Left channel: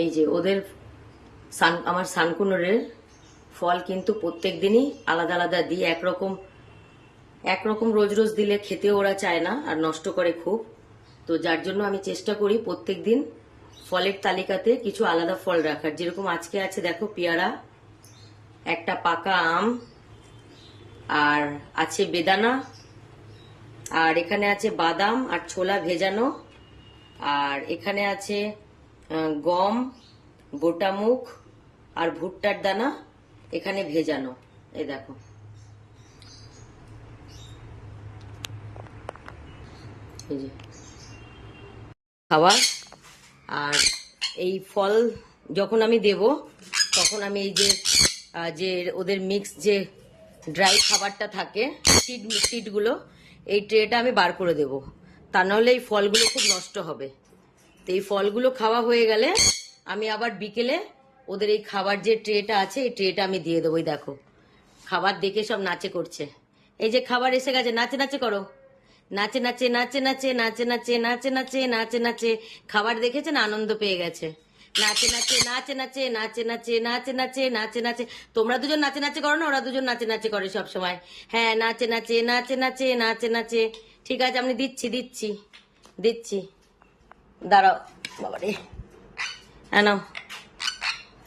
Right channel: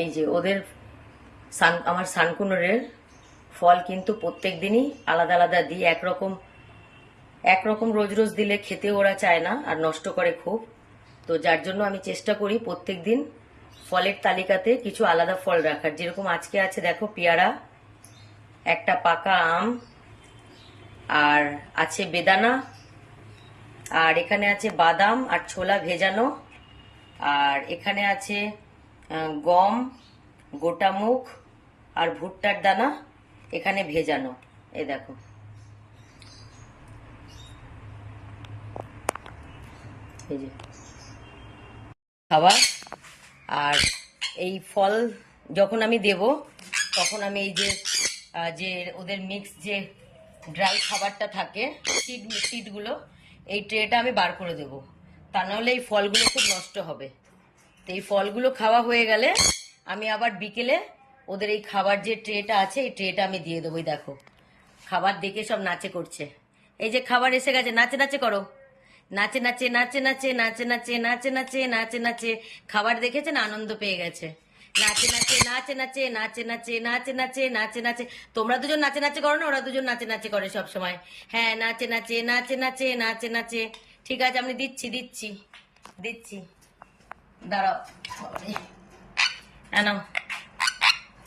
এই যে ওদের আমার সানকুনোরের ফল কিন্তু প্রত্যেক দিনই আলাদা আলাদা দিই। একরকম রোজ রোজ দিলে খেতে ওরা চায় না আর নষ্ট করে খুব। তো যার জন্য আমি চেষ্টা করি প্রত্যেক দিন ফলের তালিকাতে কিছু আলাদা ফল রাখার। যেরকম আজকে আছে দেখো পেয়ারা, একটা পাকা আম, আর আছে বেদানা, আর এখানে আছে বাদাম আর ছোলা ভেজানো, আর এখানে আছে গম, গোটা মুগ আর ভুট্টার দানা এখানে ভেজানো। এই দেখো, এই যে খাবার। আর এই ফল যখন আমি দেব তখন আমি এই যে যে ওদের মিক্স যে ড্রাই খাবারটা থাকে সিডগুলো, এই ট্রেটা আমি বার করে দেব, তা নাহলে এই ফলগুলো খুব নষ্ট হবে। তো এই ফলগুলো খাওয়া হয়ে গেলে আমি আবার বিকেলে ওদের এই খাবার যে ট্রেটা আছে এই ট্রেটা আমি দিয়ে দেবো। দেখো খাবার দেখে সব নাচে করছে। এই যে খাবার এসে গেছে, নাচে নাচে করো, নাচে নাচে নাচে নাচে নাচে নাচে নাচে নাচে নাচে নাচে খাবার দেখেছে না, আনন্দ পেয়ে গেছে। নাচে নাচে নাচে নাচে নাচে নাচে নাচে নাচে নাচে নাচে। তোমরা দুজন নাচে নাচে করো না, ওরা দুজন নাচে নাচে করে সব সময়। হ্যাঁ, নাচে নাচে নাচে নাচে নাচে নাচে। ঠিক আছে, আমি দিচ্ছি দিচ্ছি দিচ্ছি, দাঁড়াও বাবারে। নাও,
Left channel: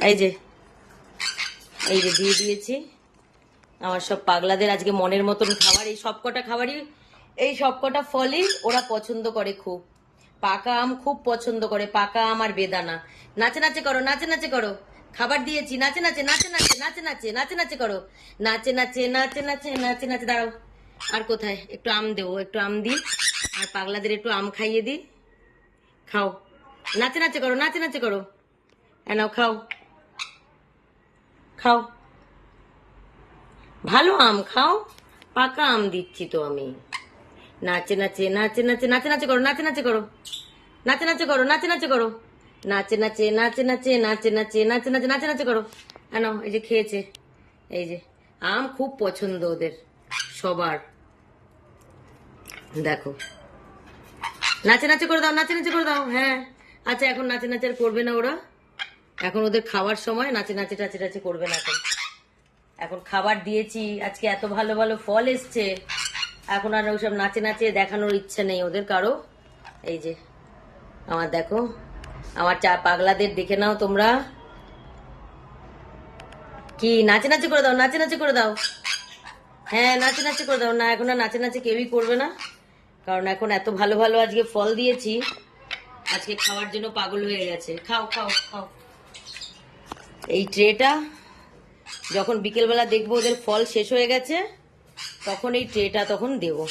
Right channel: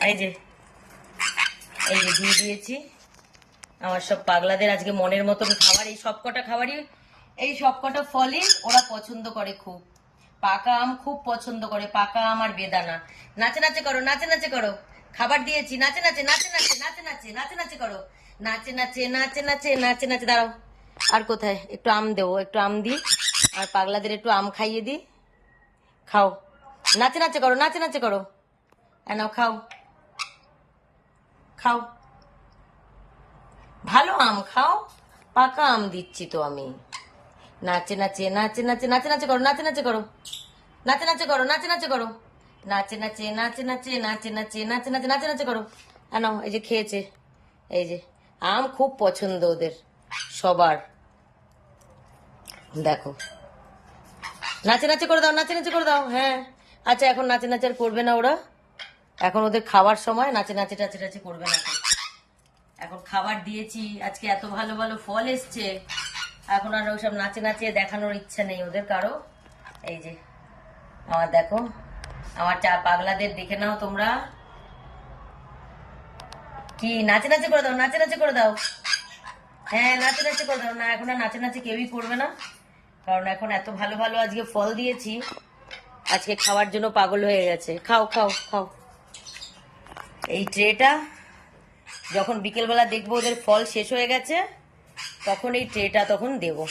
এই যে দিয়ে দিয়েছি। আমার সব পাগলাদের আজকে মনের মতন খাবার, এই সবকটা ফলই ওরা পছন্দ করে খুব। পাকা আম খুব পছন্দ করে, পাকা আম আর বেদানা। নাচে নাচে করো, নাচে নাচে করো, খাবার দিয়েছি, নাচে নাচে নাচে নাচে নাচে নাচে নাচে নাচে করো, নাচে নাচে নাচে নাচে নাচে নাচে। দাঁড়াও, আর কোথায় একটু আম দেবো, একটু আম দিই, আর পাগলাদের একটু আম খাইয়ে দিই। খাও, নাচে নাচে করো, নাচে নাচে করো, নাও খাও খাও, ভালো আম খাও, পাকা আম দিচ্ছি তো আমি। নাচে নাচে নাচে নাচে নাচে নাচে করো, নাচে নাচে করো, নাচে নাচে করো, নাচে নাচে করো, নাচে নাচে নাচে নাচে নাচে নাচে নাচে নাচে নাচে নাচে করো। নাও, এই যে খেয়েছে, এই যে আম খুব পছন্দ ওদের সবার। দেখো, নাচে নাচে করে দাও, নাচে নাচে করে দাও। হ্যাঁ, আচ্ছা এখন নাচে নাচে আর করবে না ওরা, এখন ওদের খাওয়ার সময়, নাচে নাচে টাচে টাচে করবে না এখন। এখন খাবার দিয়েছি, আজকে এত ভালো ভালো ফল এসছে, এখন আর ওইসব নাচে নাচে দেখানোর ইচ্ছা নেই ওদের কারো। এই যে আমার দেখো, আমার পাগলাদের দেখে নাও তোমরা, কি নাচে নাচে করে দাও, নাচে নাচে করে দাও। হ্যাঁ, নাচে নাচে করে দাও। না, এখন আর নাচে নাচে কেউই করবে না, কারণ এখন এত ভালো ভালো আজকে ফল দিয়েছি, আজকে খাওয়ার জন্য পাগল হয়ে গেছে। খাও খাও খাও। এই ট্রেটা যখন বিকেলবেলা দেখবো ওদের ফল শেষ হয়ে গেছে, তখন এই ট্রেটা তখন দেবো।